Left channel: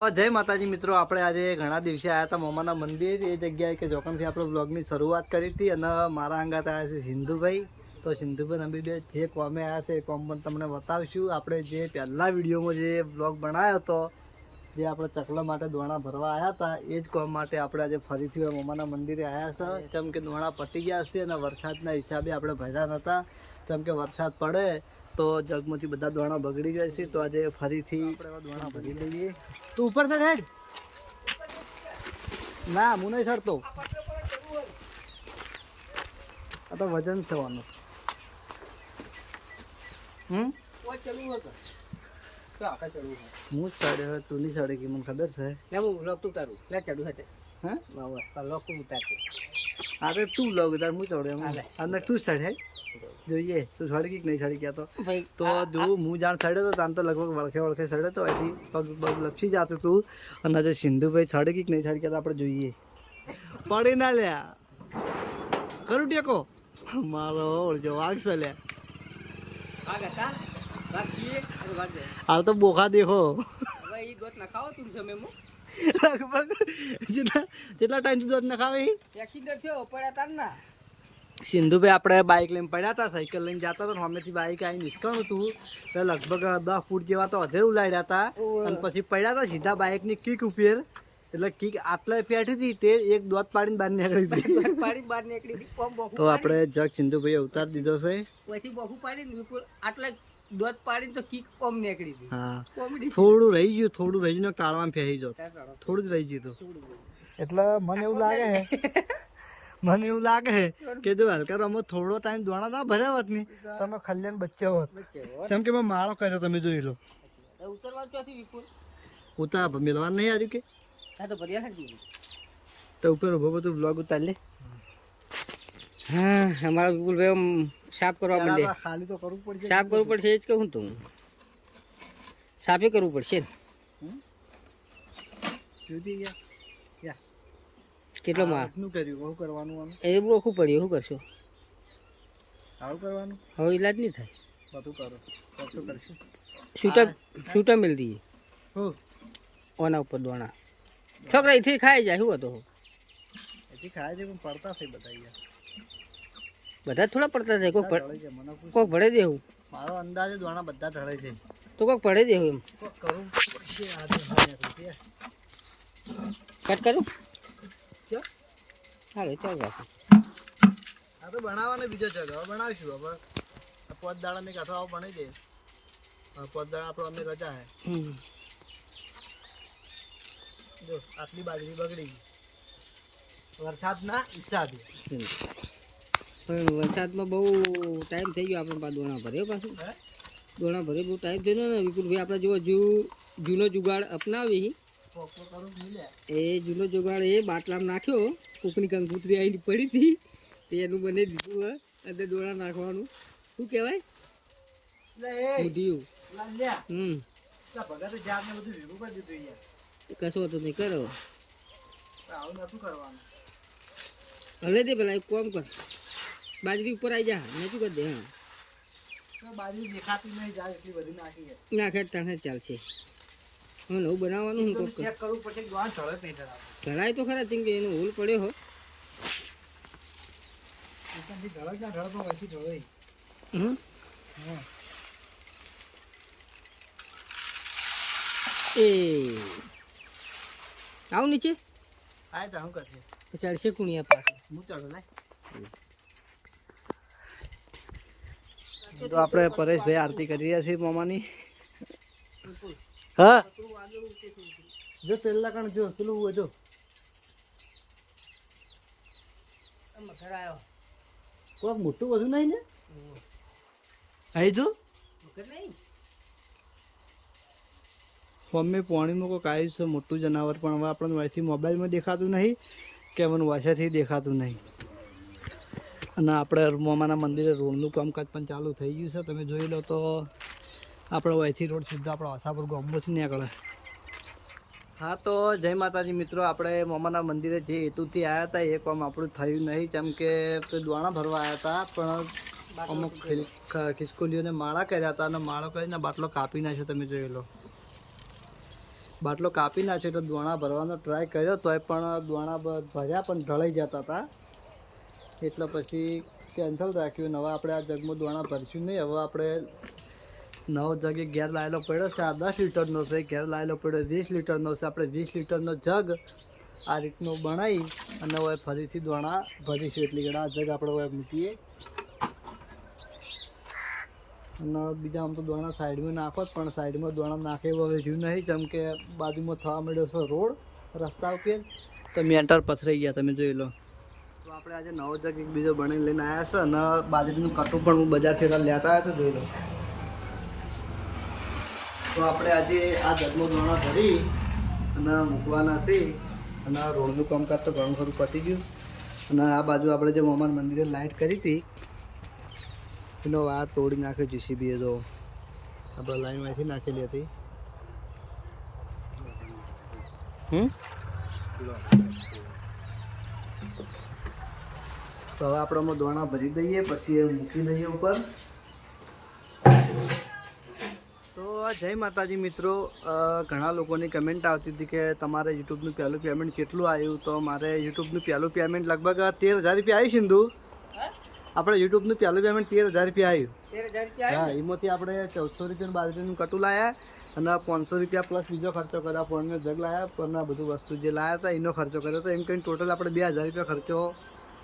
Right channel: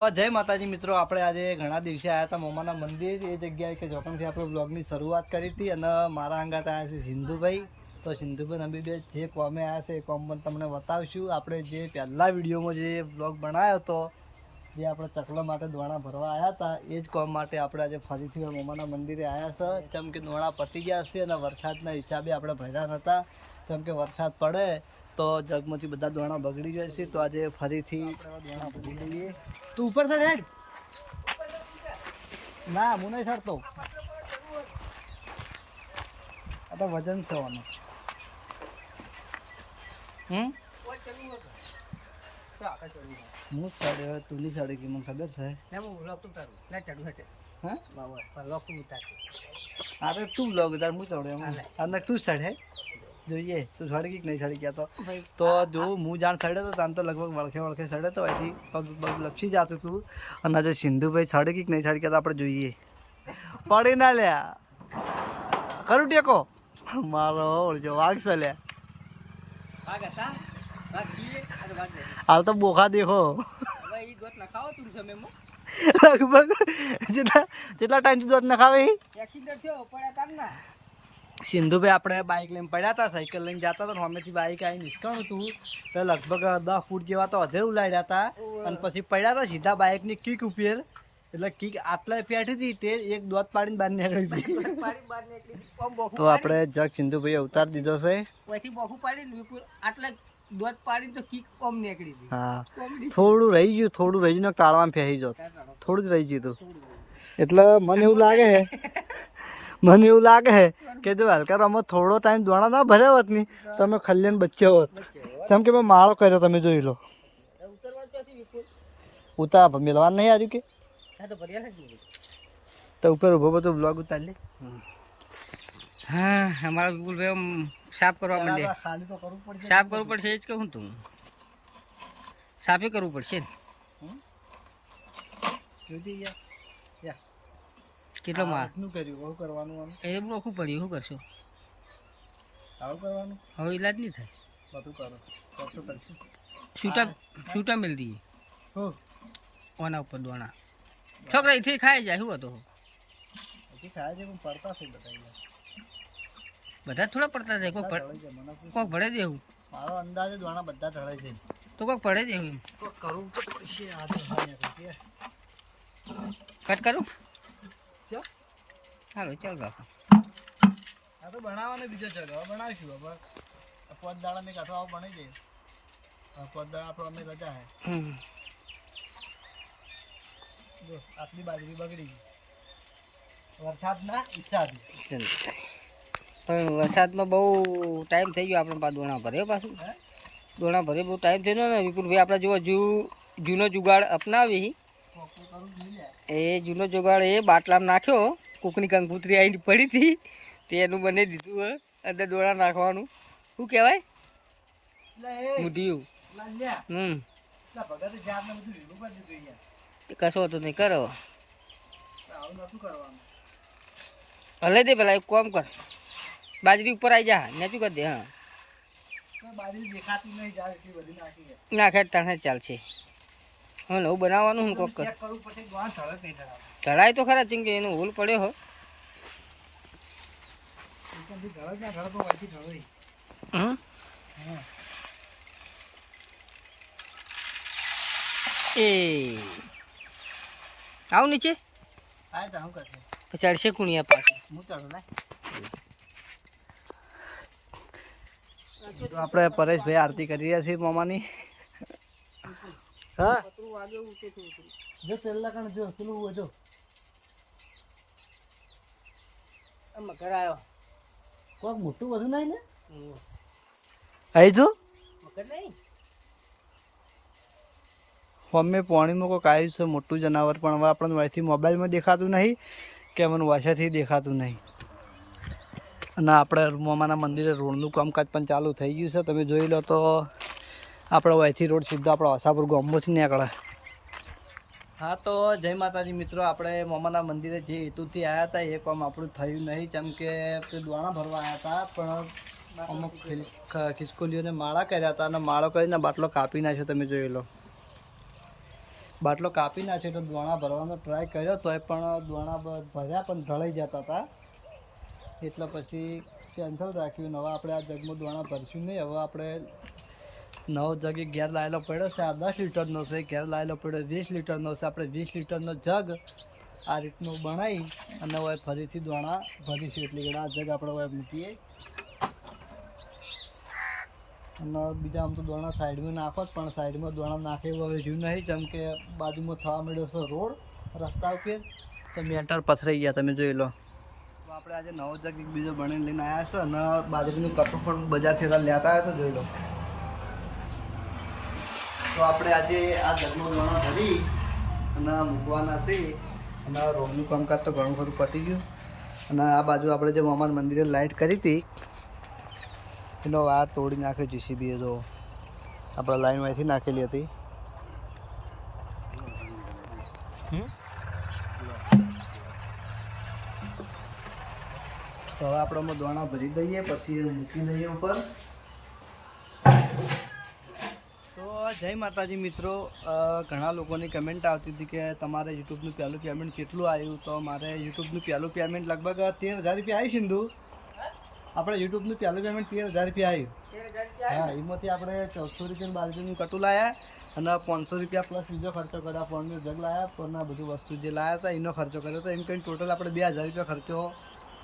જય માતાજી મિત્રો, આપણે આજે ઘણા દિવસે આવ્યા હતા મોમાના મંદિર એ જગ્યાએ કે જોકણથી આપણે બ્લોગની શરૂઆત કરી હતી અને મારા અંગાત આવ્યા છે સિંધુભાઈ. તો સિંધુભાઈ અમે બે જે કોમે આવ્યા છે એ કોમ પણ તમને બતાવશું. આપણે જે પહેલા વિડીયોમાં જે બ્લોગ બનાવ્યો હતો જે આપણે ચકલા માટે દોણા ભરવા આવ્યા હતા એ જ કોમ માટે આપણે આજે ફરીથી મોમાના મંદિરે આવ્યા છે. કેમ કે દોણા પતી ગયા છે અને વરસાદના હિસાબે આપણે ભર્યા નહોતા. કેમ કે વરસાદ પડે તો જગમાંથી બધા દોણા બગડી જાય છે. તો આજે ફરીથી આપણે દોણા ભરી લઈએ. તું ઉપર ચડ હેડ. ના હું નહીં ચડતો, આ તો વજન છે આનું. હું ચડ્યો તું નહીં ચડે કે મને ખબર છે. અરે તું લોગ તાર હું ચડ્યો અને તું ચડ હે જોઈએ તું ચડી કે નહીં ચડી ગયા તો જો હું જાણ ચડ્યો તો તાન તો લગભગ વળખે ચડ્યો તો અહીંથી પગ પગ લપસી જતું તું. અને આજે સિંધુભાઈ ચડી કે નહીં ચડી ગયા તો આપણે જોઈએ. પડી ના લ્યા ખરું ટેકો મારો ઓળજો વાઘ છે લ્યા. હાલ તો બોખા દેખો લગભગ જેટલા ટાઈમ દૂધ ન ખાવે. સિંધુભાઈ આપણે બાઇક લઈને પડ્યા હતા, સાયકલ લઈને જતા હતા, સામેથી બાઇક આવી નિષ્કાણું હતું તો લગભગ 10 ફૂટ જેવા તો અધે ઉલાડ્યા હતા અને પછી પડ્યા હતા સીધા બાઇકની કિક ઉપર. એટલે કિક આટલા ફેટી હતી તે એક દોત પાડીને બહાર નીકળી હતી. તો આપણે જગ સિંધુભાઈ અવતાર દીધો છે. હા થોડું રહી ગયું કાળવામાં ફેરી જોત, થોડું જ રહી ગયું હતું. એટલે મને એવું લાગે છે કે જો હલકા રમત થોડો ટાઈમ દોણા ના ભર્યા હોત ની તમે ખલ્યાણ બચ્યા હોત. જેમ કે મેં માળો કર્યો તમે જોઈ લો. ઉતાર મેળવા નહીં આવ્યું કે તો ઉપર ઉભો બધું બ્લોગ ઉતાર લે. હા અમારા વિપુલભાઈ સાફ કરવા માંડે. સાફ કરવું પડશે એ જ કહું તું. સાફે કરવું પડશે કેટલો માર કર્યું કરવાનું એ ઓખું પડ્યું. શું કરશો આવું કરવાનું હવે ઈલાજ નહીં થાય. બધું કરો કરશું કરશું. છૂટા મિલ દઈએ ઓના ઉપર દોણા છોકરા અહીંથી ખાઈ જાય. શું હતો હજી ખાય છે પણ પડતા છે બધા યાર. બધા થોડા પડતા છે. કોક ભળે દેવું. મારો અંદાજે દોણા બધા ઢળે છે તો કોક ભળે દેવું એમ કરવું તો પડશે. કટ કરું હાલો ચાલ રાખો. આ તો બનાવવાનો બીજો છે હવે બનાવીશું. હવે 5 દાડા ને કાઠો આવો બની જાય. 5 દાડા આપણો અમે રજા હે. જો આટલી બાજરી બગડી ગઈ વરસાદના હિસાબે. પણ વરસાદમાં બહુ ટાઈમ થઈ ગયો આપણે પાછું દોણા ભરે. પાછું દોણા ભરે બહુ ટાઈમ થયો ને વિપુલભાઈ. આપણે જો જૂનો જુગાડ અપનાવી એ જૂનો જુગાડ એ બાટલામાં નાખ્યો. કોકની કંકુતરી આવીને પડી હતી તે એનું બને દીધું અંદર દોણા નાખવાનું. શું કહેવાય મુઢિયું. કશો હતો નહીં કરો હલે દે પેલા એક કામ કર બાજરી ઉપર આવી જા નેચું કરી દે. હા નાખે તાણે ચાલશે. હવે નવું બનાવવાનું હું કોક ઢળાય તો ખરા ચીંકે એનો હોલ પડ્યો હો. એ આવું નીચે ચડશે કુણિયા પાછું હું ચાલો લાય. તો આપણે પરેશભાઈ આરતી કરી રહ્યા છીએ મોમાની. હા જો પેલા કણ જો પેલું જો કોઈક મોટું બધું નહીં ને આવી જો અમે પાણીમાં કોઈ આવ્યું છે મોટું જનાવર. પણ હવે આપણને વાયથી મોબાઈલમાં દેખાતું નહીં કે મને વાસાથી દેખાતું નહીં. અને આપણે મોમાના મંદિરે રોડનું કામકાજ પણ ચાલુ થઈ ગયું છે. તમે જોઈ લો તો આપણે વાયથી રોડ સીધો આપણા હસાપુર ગામમાંથી નીકળે. હા તો જય માતાજી મિત્રો, આપણે મોમાના મંદિરે જે હેતુથી આવ્યા હતા એ કામ આપણું થયું નહીં. જેમ કે દોણા ભરવા આવ્યા હતા પણ અમુક ખિસકોલીઓને માળા કર્યા હતા અને માળો કરીને બાટલો કાપી નાખ્યો. તમે જોઈ લો બાટલો કાપી નાખ્યો એટલે દોણા ભરવાનો ટ્રાય કર્યો તોય પણ દોણા ભર્યા પણ ઢળાઈ જતા હતા, એટલે પછી કેન્સલ રાખ્યું. નવા આપણે આ જગમાં દોણા ભરશું નહીં. હવે આપણે નવો જગ એક ઘેર લાવેલો પડ્યો છે, આ 10 લીટરનો છે. ઘેર લાવેલો પડ્યો 20 લીટરનો છે. આપણે 20 લીટરનો જગ આ રીતનું બનાવી અને હવે ફરીથી દોણા ભરીશું. એટલી ઘણા આ જગ આપણે હવે મૂકીએ અને બીજા આમ તો દોણા સાઈડમાં નાખો જ, પણ સાઈડમાં દોણા નાખે એવું હવે જોયું નહીં, જેમ કે બાજુમાં થવા મળ્યો છે રોડ રસ્તા ઉપર, તો મેન્ટર પથરાઈ ગયા તમે જોઈ લો. તો આપણે આજે નવો જગ એક બીજો બની લઈને આવ્યા છે અને બાજરીનું કટું પણ હું બજારથી લેતા આવ્યો તો જોઈ લો. તો આપણે આજે આ જગમાં દોણા ભરી અને મૂકવાના છે અને રોડનું કામકાજ તો ઘણું ખરું પતી ગયું. અને આ બાજુ આપણે જે મામાના મંદિરે લાઇટ કરી હતી એનો વાર તોડી નાખ્યો જીસીબીએ. જો આપણે લાઈનમાંથી નાખેલી હતી. તો હવે આપણે દોણા ભરી દઈએ, પછી એ મૂકી દઈએ ઉપર. તો જય માતાજી મિત્રો, ઘણા લોકોની કમેન્ટ આવતી હતી કે તમારે યુટ્યુબનું પહેલું પેમેન્ટ કેટલું આવ્યું. તો મારે યુટ્યુબનું પહેલું પેમેન્ટ લગભગ 13,000 રૂપિયા આવ્યું. સિંધુ આપણે યુટ્યુબનું પહેલું પેમેન્ટ 13,000 રૂપિયા આવ્યું. હા, એમાંથી આપણે 1400 રૂપિયાનું બાજરીનું કટું લાવ્યા અને 500 રૂપિયા પ્લસ બીજો ખર્ચો કર્યો. ફોનનો જગ લાવ્યા પણ બધું વસ્તુ જે લાવ્યા હતા એનો ખર્ચો કર્યો. તો એમ કહીને ટોટલ આપણે 2,000 રૂપિયા ખર્ચો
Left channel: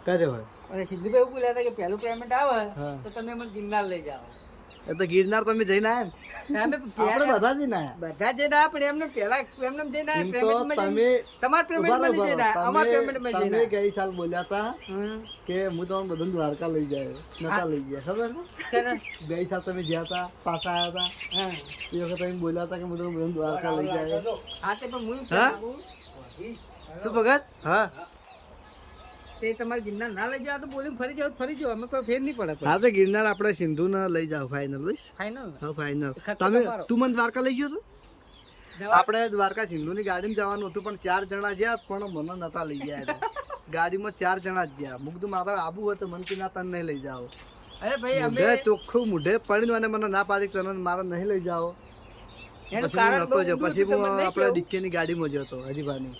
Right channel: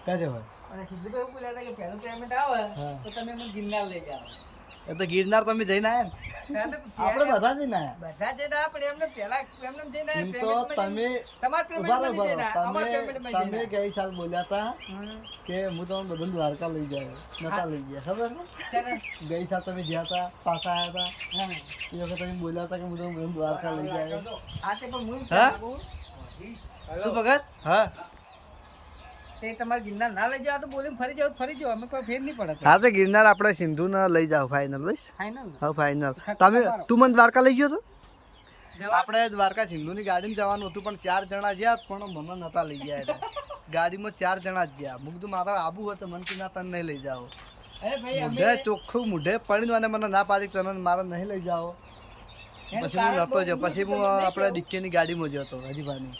કર્યો હોય. અને સિદ્ધુભાઈ એવું બોલ્યા હતા કે પહેલું પેમેન્ટ આવે તો તમે મને ગિરનાર લઈ જાઓ. એ તો ગિરનાર તમે જઈને આવ્યા ને? આપણે બધા જઈને આવ્યા. બધા જઈને આવ્યા પણ એમને પહેલા એમને જઈને એમ તો તમે તમે ગઈ સાલ બોલ્યા હતા કે હું તમને બધું દ્વારકા લઈ જાય, નતા લઈ ગયા. ખબર ગઈ સાલ તમે ગયા હતા, પાછા આવ્યા હતા, એ વખત તમે બોલ્યા હતા કે હું તમને બધું દ્વારકા લઈ જાય. શું ભગત? હા, તે તમારે ગિરનાર ના લઈ જાવ તો બોલીને ફરી જાવ અમે કોઈ ફેર નહીં પડે. હા, તો ગિરનાર આપણે સિંધુને લઈ જાવ ફાઇનલ. બસ ફાઇનલ. હા, ફાઇનલ. તું મને દ્વારકા લઈ ગયો તો? આપણે દ્વારકા સિંધુની ગાડીમાં જવાનું હતું પણ 4 જણા ગયા પણ મને નતા લઈ ગયા હતા. ગાડીમાં 4 જણા જ ગયા. મું કીધું મારે આબુ હોય તો મને કીધું તને નહીં લઈ જાઓ. અરે ભાઈ અમે ચોખ્ખું મુઢે પડીને અને મને ના પાડી તને મારે નહીં લઈ જાઓ. પછી હું નતો જો, પછી હું આપણે ડિક્કીની ગાડીમાં ગયો હતો હરીભાની.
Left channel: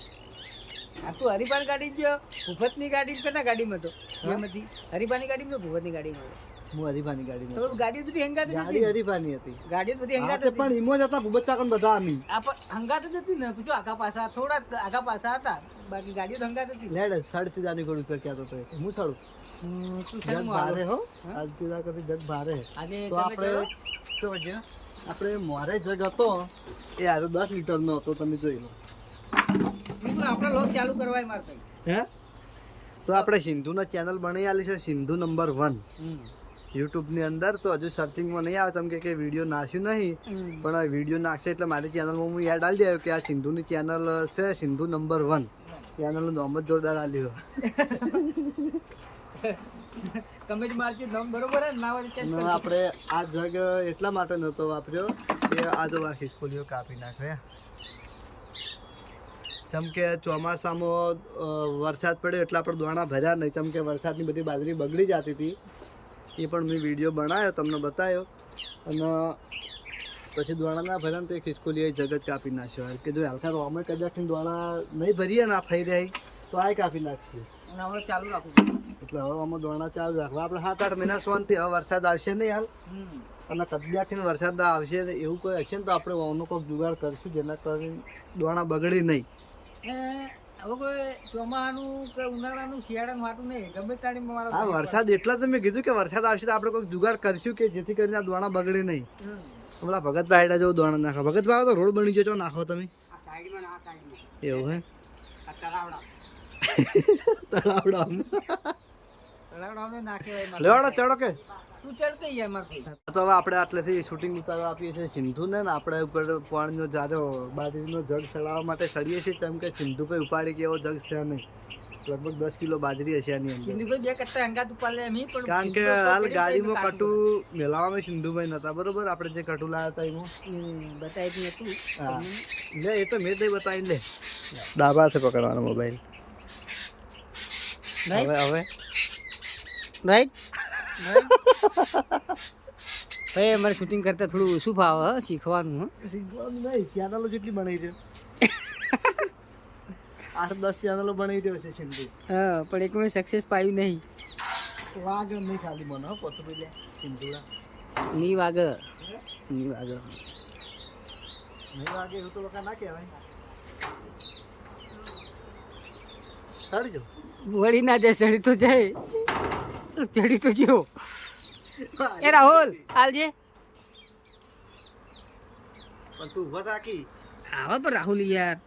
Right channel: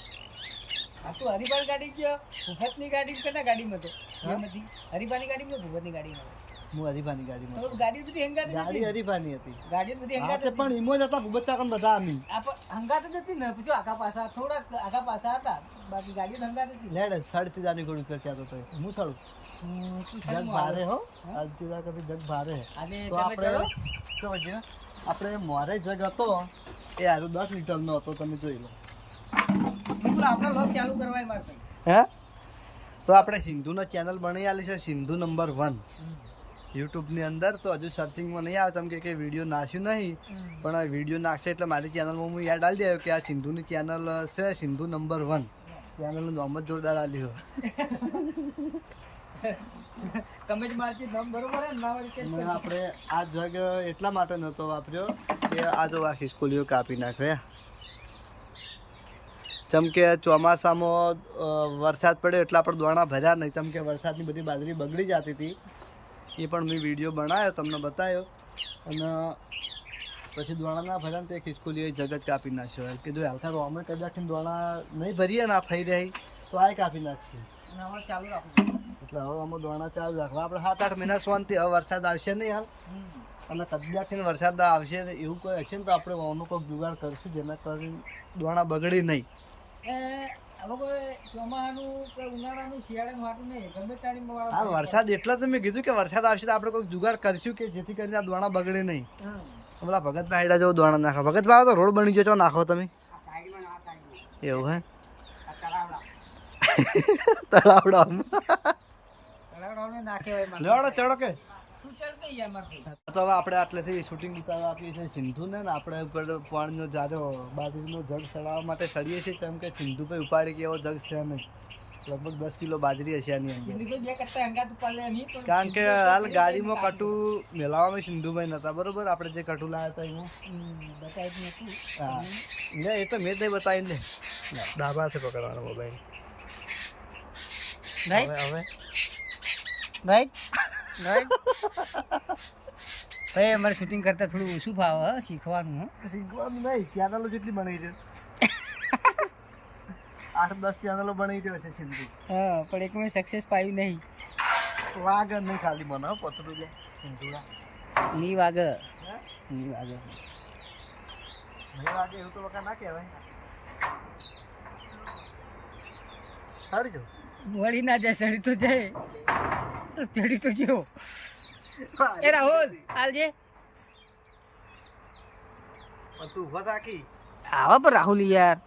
આ તું હરીબાની ગાડી ગયો, ભૂપતની ગાડી કના ગાડીમાં તો એમાંથી હરીબાની ગાડીમાં ભૂપતની ગાડીમાં? હું હરીભાની ગાડીમાં. તો ગાડી બધી હંગાત ગાડી હરીભાની હતી. ગાડી બધી હંગાત હતી પણ ઈમો જ હતા ભૂપત કાકા બધા અમે. આ પણ હંગાત જ હતી ને, પૂછો આગા પાછા થોડા આગા પાછા હતા, બાકી ગાડી તો હંગાત હતી. લેડ સાડથી જાની ગોળ ઉપર કહેતો તો હું સાડું જગ ભારે હો. આજ તીલા કદી જગ ભારે. આજે તો આપણે શું વજ્યા આપણે મોરે જગ હતો એ આરો 10 લીટરનો હતો. તમે જોઈ લો. આપણે લોક ચાલુ કરવાય માર ભાઈ. હે, તો આપણે સિંધુનો ચેનલ બનાવી આલી છે, સિંધુ નંબર 1 યુટ્યુબની અંદર. તો હજુ સર્ચિંગમાં નહીં આવે કેમ કે વિડીયો નાખ્યું નહીં, પણ વિડીયો નાખશે એટલે મારી ચેનલમાં હું યાદ આવી દેવું કે આ સિંધુની ચેનલ છે, સિંધુ નંબર 1. ચેનલનું નામ જ જોરદાર આલ્યું. તમે જ મારજી નામ બરોબર હે ના વળી ચેન્જ કરી. આપણે આ જગ એટલા માટે નહોતો વાપર્યો કે આ જો આ ખિસકોલીઓ કાપી નાખે. જેમ કે ચોમાસામાં વરસાદ પડ્યો એટલે આપણે દોણા ભર્યા નહીં, કેમ કે વરસાદની બધી બાજરી બગડી જતી હતી. એ પણ મેં વિડીયો બનાવ્યો, તમને બતાવ્યો. અને પછી દોણા ના ભર્યા ને તે ખિસકોલીએ જગત કાપી નાખ્યો. કીધું હાલતા રોમે કદાચ દોણા નહીં ભરીએ ના થઈ રહી તો આ કાપી નાખશે. હવે ચાલુ રાખું એટલે હવે અમે દોણા ચાલુ રાખવા. આપણે 7-8 મહિના શાંતિ. હવે વરસાદ આવશે નહીં હાલ, અને કદાચથી વરસાદ આવશે એવું કોઈ હશે ને તો આપણે વાનું કોઈક જુગાડ કરીશું જેના કરીને દોણા બગડી નહીં. હવે કોઈ ચોમાસાનું કે ઉનાળાનું શિયાળાનું વાટું નહીં, ગમે તાણી હા, વરસાદ એટલા જ મેં કીધું કે વરસાદ આવશે તો આપણે કોઈક જુગાડ કરીશું કે જેથી કરીને આ દોણા બગડે નહીં. હમણાં ભગતભાઈ હેડા જેવું દોણા નાખો. ભગતભાઈ તો રોડ બની ગયો નાખો તમે એવું હે? તળાવડા નાખે ચડો કે ચડતો મારે. તો હવે આપણે આટલેથી શૂટિંગ ઉતારવા આપીએ છીએ સિંધુને ને આપણે ઉપર પાણીનો જારો બાજરીનો જગ ચડાવવા માટે ચડીએ છીએ. કેમ કે સિંધુભાઈ ઉપાડી કે એવો જગ છે નહીં, લગભગ 10 કિલો બાજરી હશે આની અંદર. સિંધુભાઈ 2 કટ્ટા હંગાત ઉપર લે એમ પણ કારણ કે હાલ ગાડીમાં કટુ મેલાવામાં સિંધુભાઈ નતા બરોબર. આપણે જે કટુ લાવ્યા હતા એમાં બતાવી હતું. હા લે, એ તો મેં જ બતાવી. લે દાબાથી પકડવાનો મોબાઈલ. રાઈટ હવે રાઈટ રાઈટ. ભાઈ અમારે શૂટિંગ કરતા થોડું ઓછું ભાવ શીખવાનું. શીખવાનું નહીં, ચેનલો જેટલી બનાવી છે 8-10 ચેનલો બનાવી દે છે સિંધુ. હા પણ એકમાં સક્સેસ પાયું નહીં. વાગ નહીં ખાલી મને હો પતરું લે સિંધુડા. ની વાગ હે? ની વાગ નહીં વાગે એવું તો વખત ના કહેવાય. સારી જો. વળી ના જાય ચડી તો જાય ચડી તો ગયો. એ રાહુલ હાલજે પણ તું ઉભા રાખી. આવા પર રાહુલ યાર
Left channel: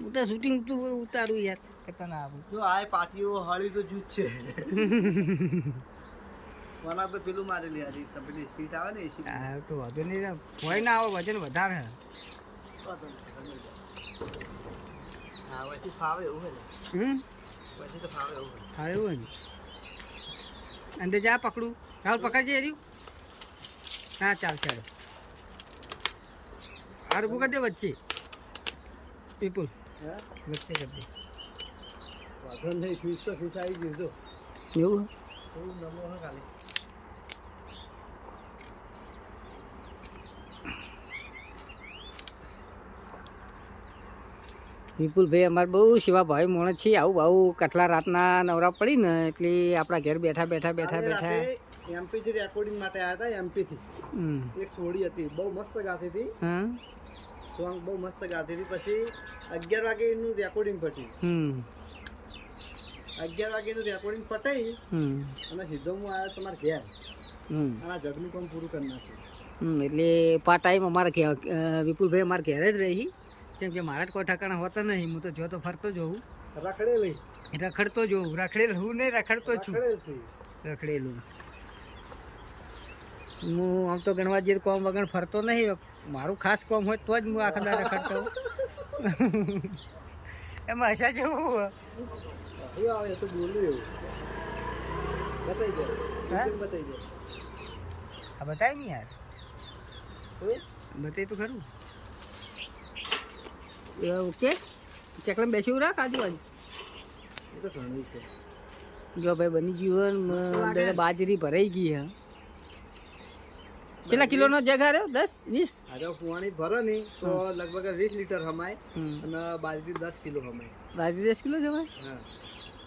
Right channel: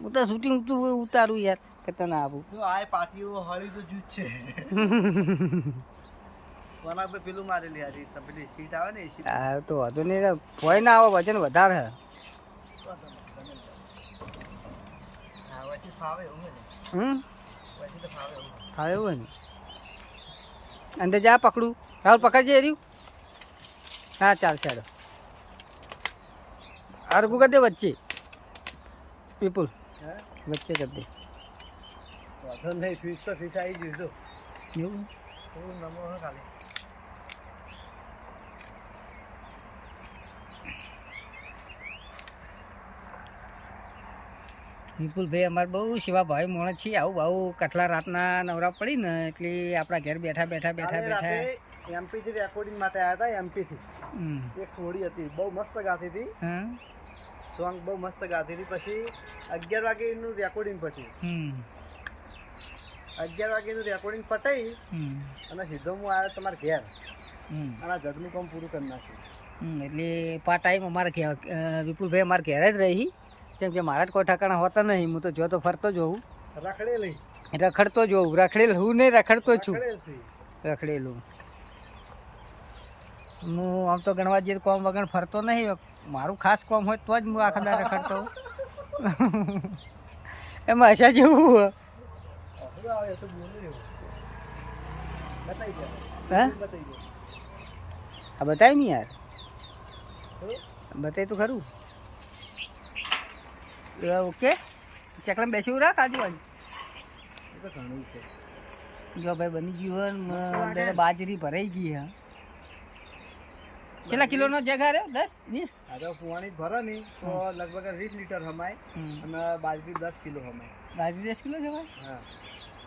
હું તો શૂટિંગ ઉતારું યાર કરતા ના આવું. જો આ પાટીઓ હળી તો જૂજ છે. કોના પર પેલું મારેલી હારી પેલી સીટ આવે ને એ સીટ. હા તો વાંધો નહીં હોય ના આવો વજન વધારે હે. હા વચ્ચે ફાવે એવું છે. વચ્ચે તો ફાવે એવું છે. હા એવું હોય ને અંદર જા પકડું રાહુલ પકડજે એર્યું. હા ચાલ ચાલો અરબુ કરી દે વચ્ચે પીપુલ હે વચ્ચે કરી દે. વાંધો નહીં ફીસ તો ફીસ આવી ગયું જો. એવું થોડું નમો હે ખાલી. વિપુલભાઈ અમારે બહુ સેવા ભાઈ માણસ છે. આવું આવું કટલા રાતના નવરા પડી ને એટલે આપણા ઘેર બેઠા બેઠા બેઠા બેઠા એમપી થી રેકોર્ડિંગ માટે આવ્યા હતા. એમપી થી હમ એક સોડી હતી બહુ મસ્ત ગાતી હતી. હા સોંગ બહુ મસ્ત ગાતી હતી. પછી 11 વાગે એનું રેકોર્ડિંગ પટ્યું. 11 વાગે એનું રેકોર્ડિંગ પટાઈ અને સીધો હું આવ્યો તમારા ઘેર અને આ જગનું કામ પૂરું કરી નાખ્યું. એટલે પા ટાઈમ અમારા ઘેર વિપુલભાઈ અમારા ઘેર જ રહી. જેમ કે મારા જ કોઈ ઠાકાણા હોતા નહીં. હું તો જો તો ફરતો જોઉં રખડેલી રખડતો જોઉં રખડેલ હું નહીં રખડતો છું રખડેલથી. રખડેલું. હું આમ તો ગણવા જઈએ કોમ વગર ફરતો નહીં. મારું ખાસ કોમ હોય તો જ હું આખા દાડે રખડતો હોઉં. એમાં હશા જેવું હવે આવે તો બોલ્યું એવું બતાવી દે. હે બતાવી દે. આ બતાય ને યાર શું? બતાય તો ખરું. ઓકે ચકલામાં બેસી રાખ આજુબાજુ. એ તો ઘણું છે. જો ભાઈ બની ગયું હોય ને બાજરી ભરાઈ ગઈ હા. કેટલા કિલોનો જગ હાર્યો 10-20? આજે પુવાણી ભરે નહીં તો લગભગ 20 લીટર હમાય અને બાજરી 10 કિલો હમાય. બાજરી 10 કિલો છે ભાઈ. હા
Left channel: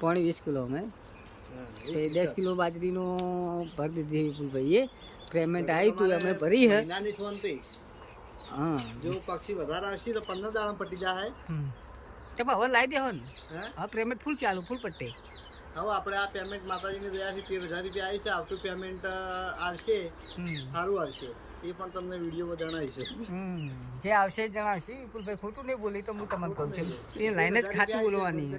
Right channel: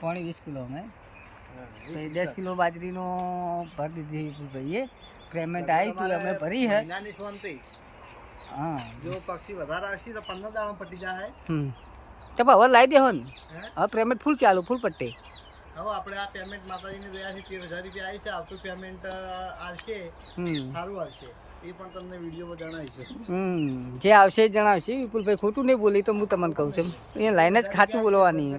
પાણી 20 કિલો અમે હા 10 કિલો બાજરીનો ભરી દીધી વિપુલભાઈએ. પેમેન્ટ આવી તું અમે ભરી હે. નાની શાંતિ. હા જો પક્ષી વધારે આવશે તો 15 દાડા પટી જાય. ચાલ હવે લાવી દેહો ને. હે હવે પેમેન્ટ ફૂલ ચાલુ ફૂલ પટ્ટે. હવે આપણે આ પેમેન્ટ માતાજીની દયાથી 13,000 રૂપિયા આવી છે. આવતું પેમેન્ટ આવશે સારું આવશે એ પણ તમને વિડીયોમાં જણાવીશું. જે આવશે એ જણાવશે વિપુલભાઈ. ખોટું નહીં બોલી તો હું તમને કહું છું એ લાઈન જ ખાતું બોલવાની.